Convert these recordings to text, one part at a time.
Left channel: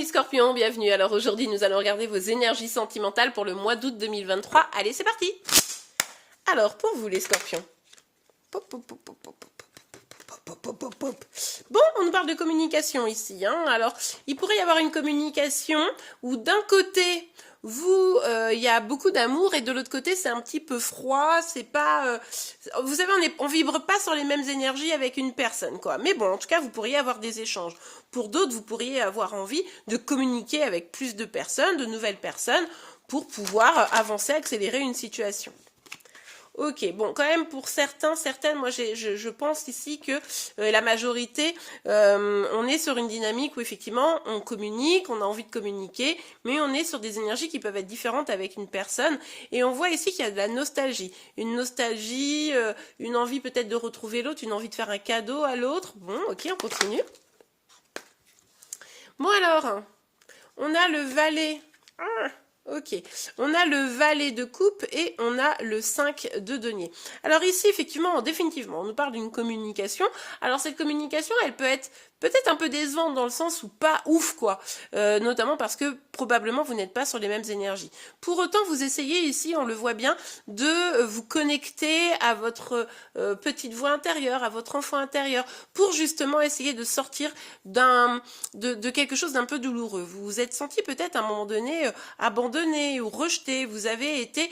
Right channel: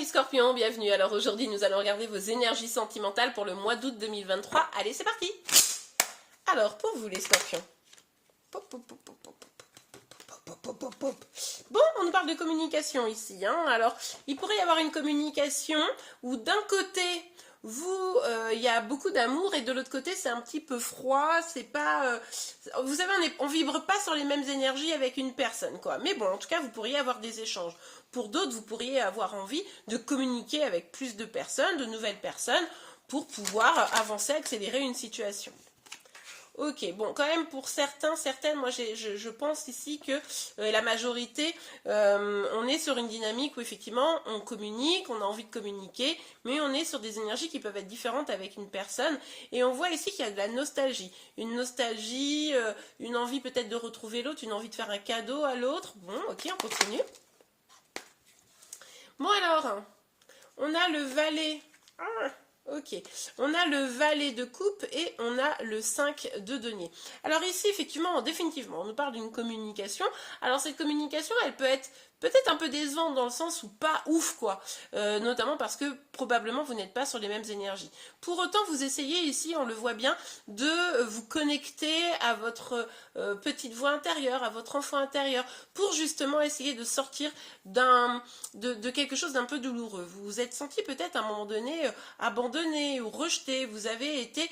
amis scorpions, bienvenue. Alors aujourd'hui, nous allons regarder vos énergies sentimentales pour le mois d'août 2023. Allez, c'est parti. Alors, pour vous les scorpions. Bon, on nous parle de communication ici. Alors, il pourrait y avoir une communication où d'un côté, vous, il y a beaucoup d'amour et de l'autre côté, c'est un petit peu froid. C'est pas, vous savez, on vibre pas sur les mêmes énergies avec une personne, quoi. Mais bon, en tout cas, vous pourriez avoir des échanges. Pour d'autres, vous pourriez avoir envie de communiquer avec plus de personnes, de nouvelles personnes, pour pouvoir avancer, accélérer une situation. Ok, bon, quand même pour certaines, moi je pense ici que la majorité, on est sur une dynamique où effectivement on communique, on a envie de communiquer, mais on est sur des énergies qui peuvent être différentes avec une personne. Et on voit ici qu'il y a de la nostalgie. Une nostalgie, une envie peut-être de retrouver l'autre, une envie de faire un cadeau à l'autre. Bon, ok, on continue. Bon alors, on a le valet. Ok, on a le valet de coupe et on a le 5 de denier. Alors ici, effectivement, définitivement, on nous parle d'une communication. Alors cette communication, elle peut être peut-être un peu décevante dans le sens où pas ouf, quoi. Notamment parce que probablement vous n'êtes pas sur les mêmes énergies. Pour autant, vous essayez ici, on le voit bien, de vous connecter à votre petite voix intérieure, à votre enfant intérieur, pour justement essayer de sortir de quelque chose d'un peu douloureux. Vous vous êtes senti peut-être à un moment donné abandonné ou rejeté, vous êtes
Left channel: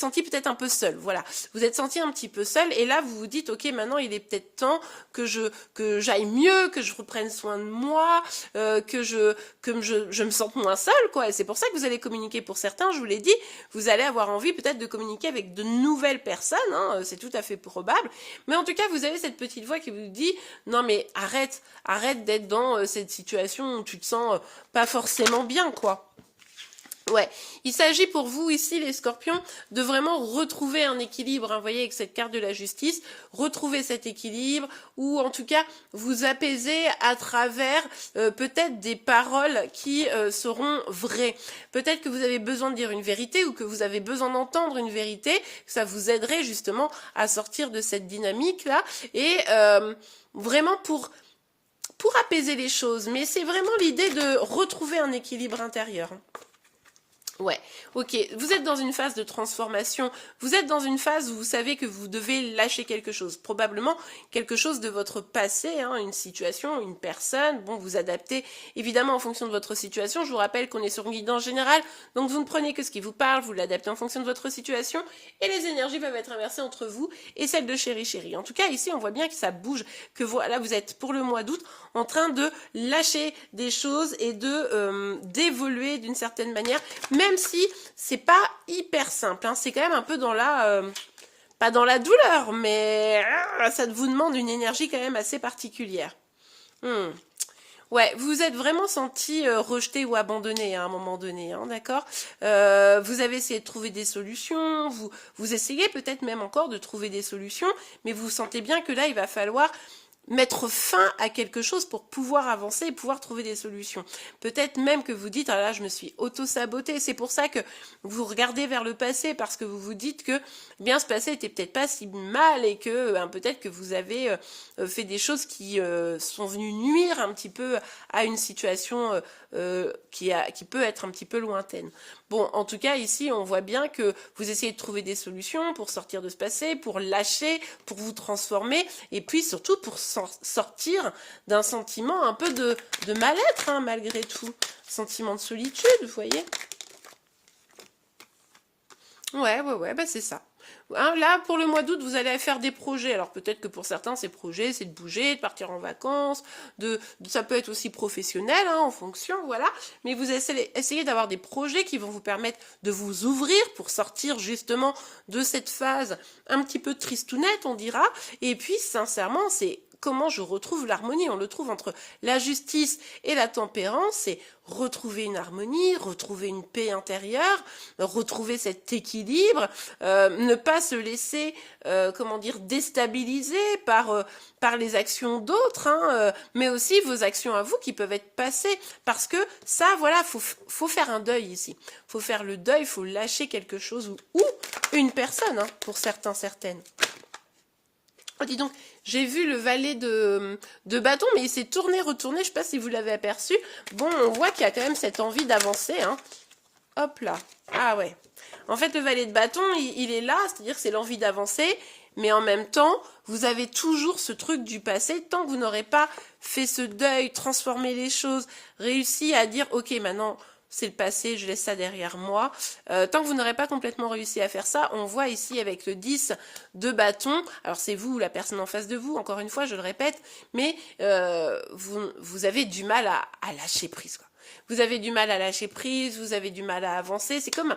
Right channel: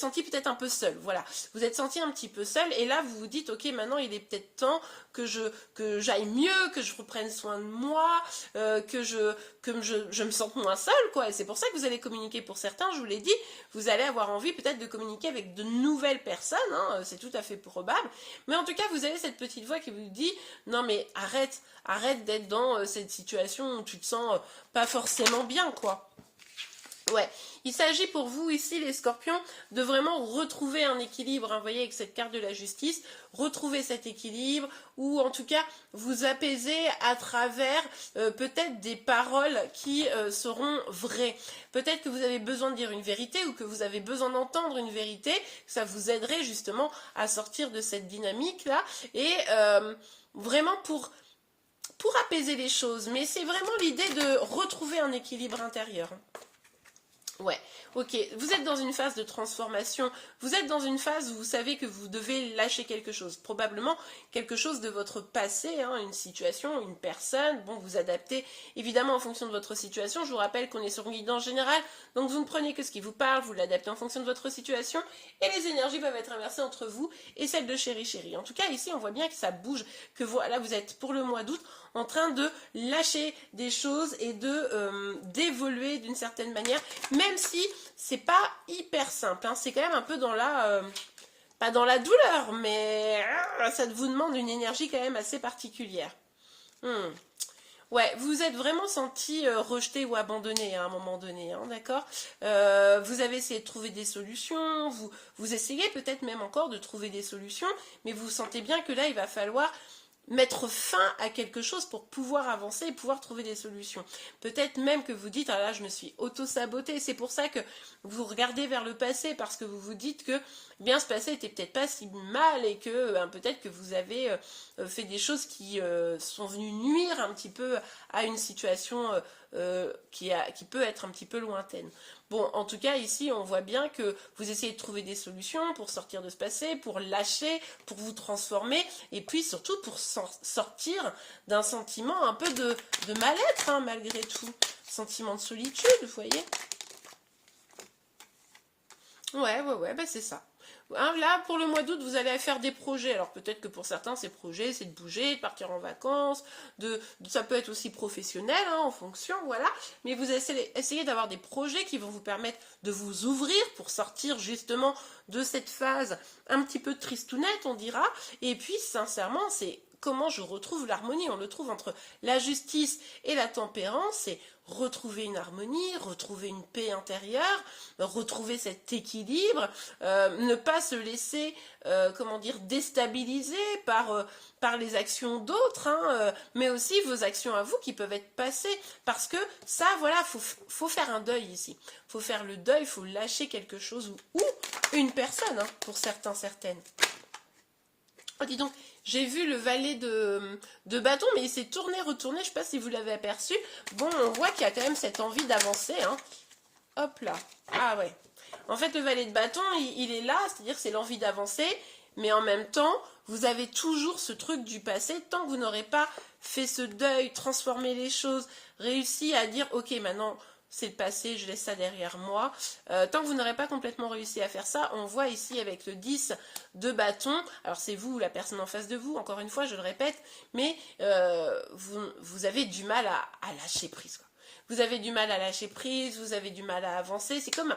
senti peut-être un peu seul, voilà. Vous êtes senti un petit peu seul et là vous vous dites, ok, maintenant il est peut-être temps que j'aille mieux, que je reprenne soin de moi, que je me sente moins seule, quoi. Et c'est pour ça que vous allez communiquer. Pour certains, je vous l'ai dit, vous allez avoir envie peut-être de communiquer avec de nouvelles personnes, hein, c'est tout à fait probable. Mais en tout cas, vous avez cette petite voix qui vous dit, non mais arrête d'être dans cette situation où tu te sens pas forcément bien, quoi. Ouais, il s'agit pour vous ici les scorpions de vraiment retrouver un équilibre, hein, vous voyez avec cette carte de la justice, retrouver cet équilibre ou en tout cas vous apaiser à travers peut-être des paroles qui seront vraies. Peut-être que vous avez besoin de dire une vérité ou que vous avez besoin d'entendre une vérité, ça vous aiderait justement à sortir de cette dynamique-là et vraiment pour apaiser les choses. Mais c'est vraiment l'idée de retrouver un équilibre intérieur. Ouais, ok, vous êtes dans une phase de transformation, vous êtes dans une phase où vous savez que vous devez lâcher quelque chose, probablement quelque chose de votre passé, hein, une situation, une personne, bon, vous adaptez évidemment en fonction de votre situation, je vous rappelle qu'on est sur une guidance générale, donc vous ne prenez que ce qui vous parle, vous l'adaptez en fonction de votre situation, et les énergies peuvent être inversées entre vous et celles de chéri. En tout cas, ici, on voit bien que ça bouge, que voilà, vous êtes pour le mois d'août en train de lâcher des choses et d'évoluer d'une certaine manière, même si c'est pas hyper simple, hein, c'est quand même un peu dans la pas dans la douleur, mais ça vous demande une énergie quand même assez particulière. Ouais, vous vous êtes vraiment senti rejeté ou abandonné à un moment donné, hein, d'accord. Vous avez essayé de trouver des solutions, vous essayez peut-être même encore de trouver des solutions, mais vous sentez bien que là, il va falloir mettre fin à quelque chose pour pouvoir avancer et pouvoir trouver des solutions. Peut-être même que vous dites, ah là, je me suis auto-sabotée. C'est pour ça que vous regardez vers le passé, parce que vous vous dites que eh bien ce passé était peut-être pas si mal et que peut-être que vous avez fait des choses qui sont venues nuire un petit peu à une situation qui peut être un petit peu lointaine. Bon, en tout cas, ici, on voit bien que vous essayez de trouver des solutions pour sortir de ce passé, pour lâcher, pour vous transformer, et puis surtout pour sortir d'un sentiment un peu de mal-être, hein, malgré tout. Sentiment de solitude, vous voyez. Ouais, bah c'est ça. Hein, là, pour le mois d'août, vous allez faire des projets. Alors peut-être que pour certains, ces projets, c'est de bouger, de partir en vacances, ça peut être aussi professionnel, hein, en fonction, voilà. Mais vous essayez d'avoir des projets qui vont vous permettre de vous ouvrir pour sortir justement de cette phase un petit peu tristounette, on dira. Et puis, sincèrement, c'est comment je retrouve l'harmonie. On le trouve entre la justice et la tempérance, c'est retrouver une harmonie, retrouver une paix intérieure, retrouver cet équilibre, ne pas se laisser, déstabiliser par les actions d'autres, hein, mais aussi vos actions à vous qui peuvent être passées, parce que ça, voilà, faut faire un deuil ici. Faut faire le deuil, faut lâcher quelque chose ou une personne, hein, pour certains, certaines. Oh, dis donc, J'ai vu le valet de bâton, mais il s'est tourné, retourné, je ne sais pas si vous l'avez aperçu. Bon, on voit qu'il y a quand même cette envie d'avancer, hein. Hop là. Ah ouais. En fait, le valet de bâton, il est là, c'est-à-dire que c'est l'envie d'avancer, mais en même temps, vous avez toujours ce truc du passé, tant que vous n'aurez pas fait ce deuil, transformé les choses, réussi à dire, ok, maintenant, c'est le passé, je laisse ça derrière moi. Tant que vous n'aurez pas complètement réussi à faire ça, on voit ici avec le 10 de bâton, alors c'est vous ou la personne en face de vous, encore une fois, je le répète, mais vous avez du mal à lâcher prise, quoi. Vous avez du mal à lâcher prise, vous avez du mal à avancer, c'est comme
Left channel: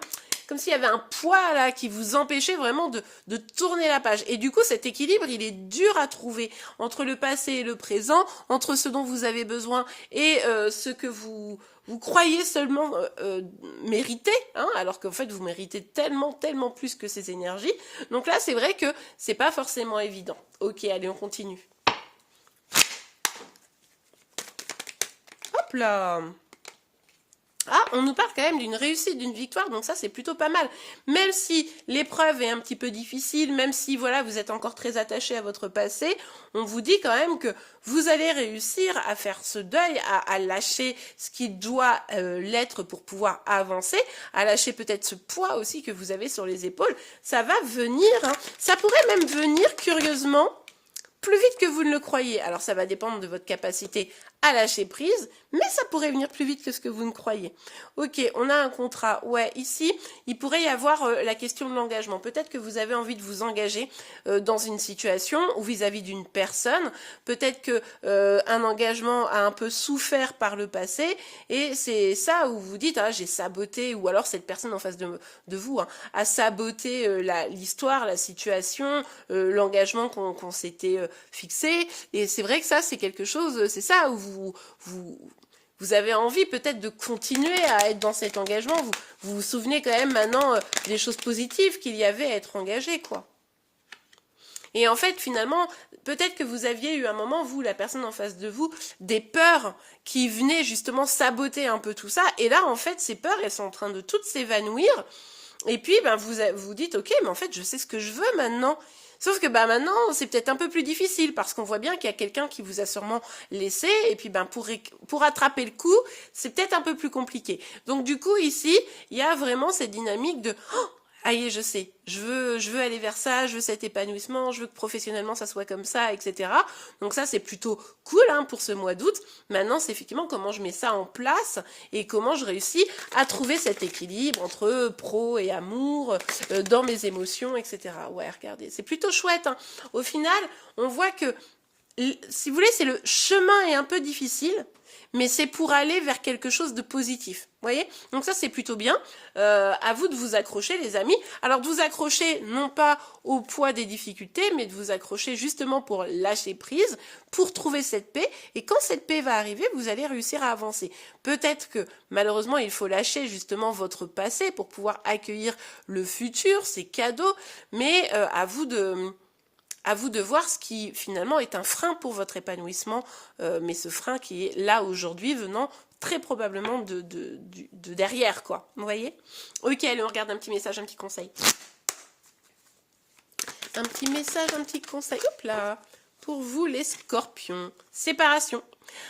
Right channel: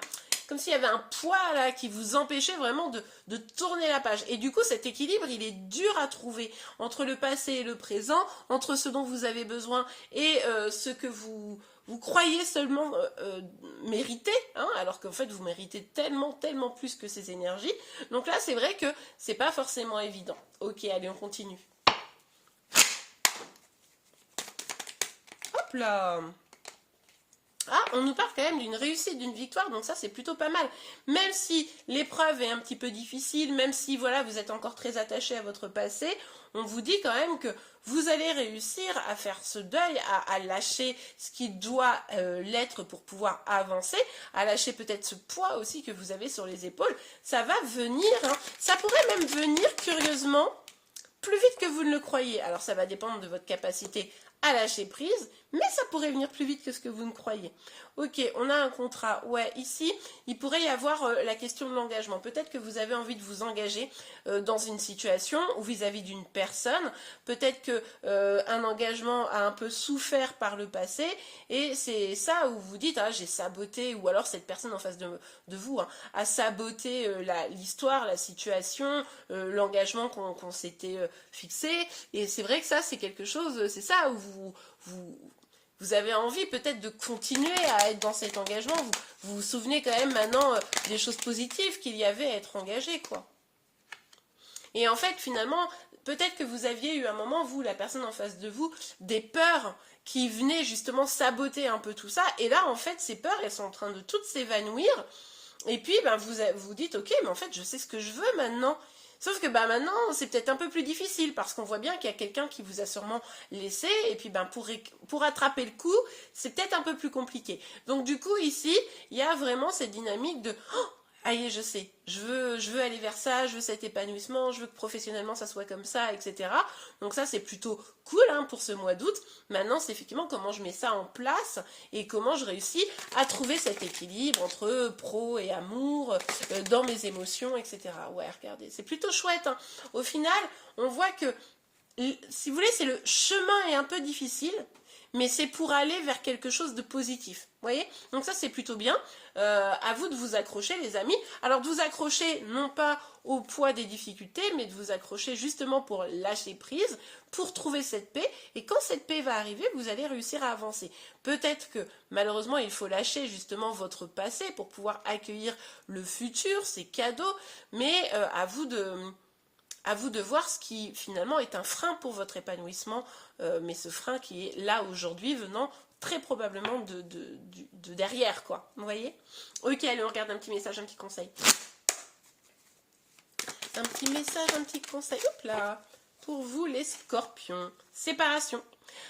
s'il y avait un poids là qui vous empêchait vraiment de tourner la page. Et du coup, cet équilibre, il est dur à trouver entre le passé et le présent, entre ce dont vous avez besoin et ce que vous croyez seulement mériter, hein, alors qu'en fait, vous méritez tellement, tellement plus que ces énergies. Donc là, c'est vrai que c'est pas forcément évident. Ok, allez, on continue. Hop là! Ah, on nous parle quand même d'une réussite, d'une victoire, donc ça c'est plutôt pas mal. Même si l'épreuve est un petit peu difficile, même si voilà vous êtes encore très attaché à votre passé, on vous dit quand même que vous allez réussir à faire ce deuil, à lâcher ce qui doit l'être pour pouvoir avancer, à lâcher peut-être ce poids aussi que vous avez sur les épaules. Ça va venir, hein. Ça pourrait même venir curieusement plus vite que vous ne le croyez. Alors ça va dépendre de votre capacité à lâcher prise, mais ça pourrait venir plus vite que ce que vous ne croyez. Ok, on a un contrat. Ouais, ici, il pourrait y avoir la question de l'engagement. Peut-être que vous avez envie de vous engager dans une situation ou vis-à-vis d'une personne. Peut-être que un engagement a un peu souffert par le passé et c'est ça où vous dites, hein, j'ai saboté, ou alors cette personne en face de vous hein, a saboté l'histoire, la situation, l'engagement qu'on s'était fixé. Et c'est vrai que ça, c'est quelque chose, c'est ça où vous avez envie peut-être de continuer à être dans cet engagement. Vous souvenez quand même maintenant des choses positives qu'il y avait à être engagé, quoi. Et en fait, finalement, peut-être que vous aviez eu un moment, vous, la personne en face de vous, des peurs qui venaient justement saboter un peu tout ça. Et là, en fait, ces peurs, elles sont en train de toutes s'évanouir. Et puis, ben, vous dites, ok, mais en fait, je sais ce que je veux maintenant. Sauf que ben, maintenant, c'est peut-être un peu plus difficile parce qu'on voit bien qu'il y a quelqu'un qui vous a sûrement laissé. Et puis, ben, pour attraper le coup, c'est peut-être un peu plus compliqué. Donc, du coup, ici, il y a vraiment cette dynamique de... Oh, ah y est, je sais, je veux aller vers ça, je veux cet épanouissement, je veux que professionnellement ça soit comme ça, etc. Donc ça c'est plutôt cool hein, pour ce mois d'août. Maintenant c'est effectivement comment je mets ça en place et comment je réussis à trouver cet équilibre entre pro et amour, dans mes émotions, etc. Ouais, regardez, c'est plutôt chouette. Hein. Au final, on voit que, si vous voulez, c'est le chemin est un peu difficile, mais c'est pour aller vers quelque chose de positif. Vous voyez? Donc ça, c'est plutôt bien. À vous de vous accrocher, les amis. Alors, de vous accrocher, non pas au poids des difficultés, mais de vous accrocher justement pour lâcher prise, pour trouver cette paix. Et quand cette paix va arriver, vous allez réussir à avancer. Peut-être que, malheureusement, il faut lâcher justement votre passé pour pouvoir accueillir le futur, ces cadeaux. Mais à vous de voir ce qui finalement est un frein pour votre épanouissement, mais ce frein qui est là aujourd'hui venant très probablement de derrière, quoi. Vous voyez? Ok, allez, on regarde un petit message, un petit conseil. Un petit message, un petit conseil. Hop là! Pour vous, les scorpions. Séparation.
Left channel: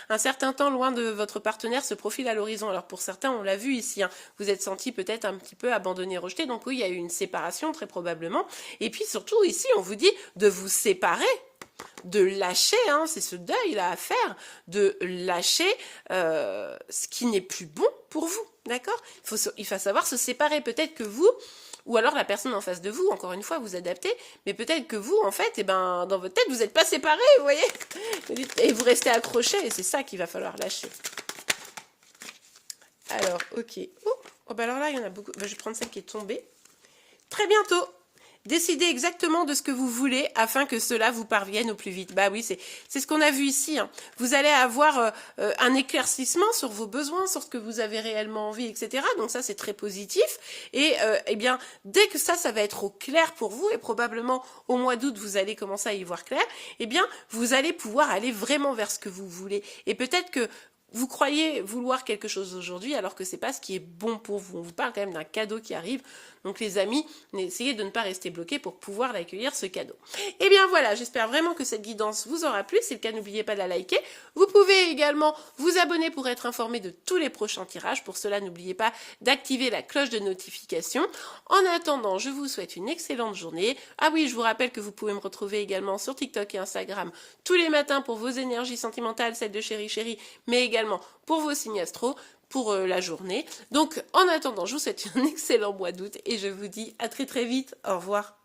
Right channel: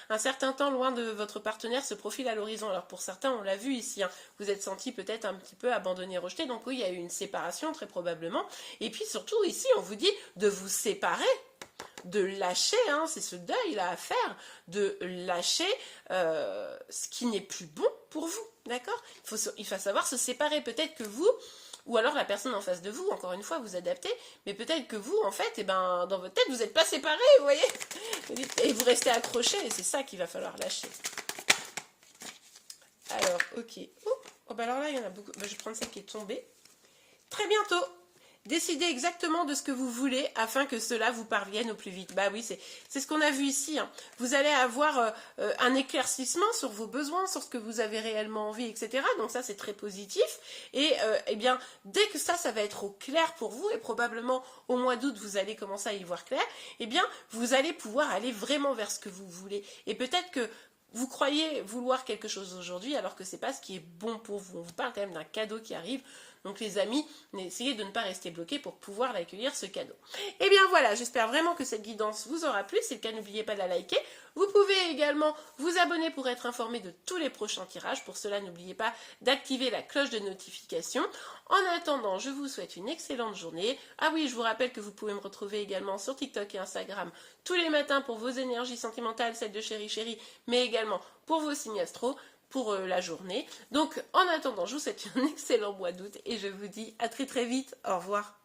Un certain temps loin de votre partenaire se profile à l'horizon. Alors pour certains, on l'a vu ici, hein, vous êtes senti peut-être un petit peu abandonné, rejeté. Donc oui, il y a eu une séparation très probablement. Et puis surtout ici, on vous dit de vous séparer, de lâcher, hein, c'est ce deuil-là à faire, de lâcher ce qui n'est plus bon pour vous. D'accord? Il faut savoir se séparer. Peut-être que vous... Ou alors la personne en face de vous, encore une fois, vous adaptez, mais peut-être que vous, en fait, eh ben, dans votre tête, vous n'êtes pas séparés, vous voyez, et vous restez accrochés, et c'est ça qu'il va falloir lâcher. Alors, ok. Oh, bah alors là, il y en a beaucoup. Bah, je vais prendre celle qui est tombée. Très bientôt. Décidez exactement de ce que vous voulez afin que cela vous parvienne au plus vite. Bah oui, c'est ce qu'on a vu ici. Hein. Vous allez avoir un éclaircissement sur vos besoins, sur ce que vous avez réellement envie, etc. Donc ça, c'est très positif. Et eh bien, dès que ça va être au clair pour vous, et probablement au mois d'août, vous allez commencer à y voir clair, eh bien, vous allez pouvoir aller vraiment vers ce que vous voulez. Et peut-être que vous croyez vouloir quelque chose aujourd'hui alors que c'est pas ce qui est bon pour vous. On vous parle quand même d'un cadeau qui arrive. Donc les amis, essayez de ne pas rester bloqués pour pouvoir l'accueillir ce cadeau. Et bien voilà, j'espère vraiment que cette guidance vous aura plu. Si c'est le cas, n'oubliez pas de la liker. Vous pouvez également vous abonner pour être informé de tous les prochains tirages. Pour cela, n'oubliez pas d'activer la cloche de notification. En attendant, je vous souhaite une excellente journée. Ah oui, je vous rappelle que vous pouvez me retrouver également sur TikTok et Instagram tous les matins pour vos énergies sentimentales, celles de Chéri Chéri, mais également pour vos signes astro pour la journée. Donc, en attendant, je vous souhaite un excellent mois d'août et je vous dis à très très vite. Au revoir.